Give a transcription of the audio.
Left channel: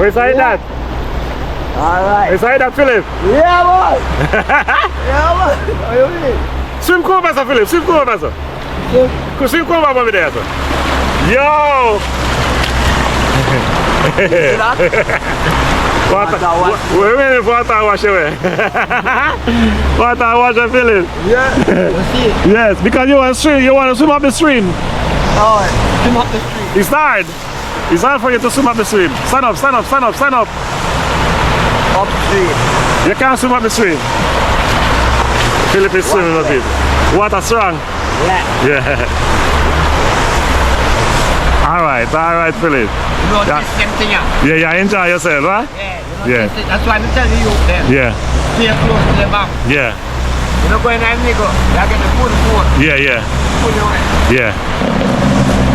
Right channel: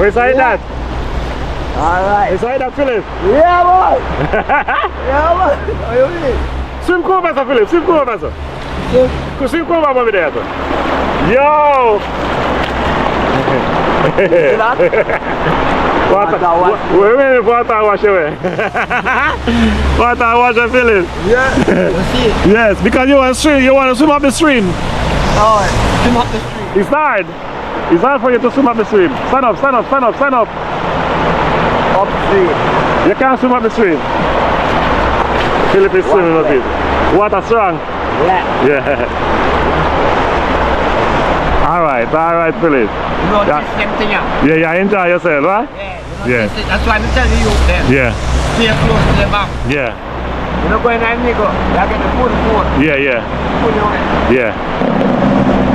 Where's that? Alright. Where's that, Philip? Yeah, boy. Yeah, boy. How you doing? Swim cover, sir, Philip. Swim cover, sir. Swim cover over there, sir. Yo! See that? Water wash away. Water wash, Philip. Yeah. You see? Yes, because you want to swim. You want to swim up the stream. Oh, swim up the street. It's hard. It's hard for you to swim up the stream. Stand up, stand up, stand up, stand up. Up the street. You can't swim up the stream. Philip is swimming a bit. Water strong. Yeah. All right, Philip. You know, Yeah. this same thing, yeah. Yeah, enjoy yourself, right? Yeah. Yeah. That's why I'm telling you then. Yeah, Stay close to the bank. yeah, You know, going and you go. You get the food. yeah. Food you want. Yeah.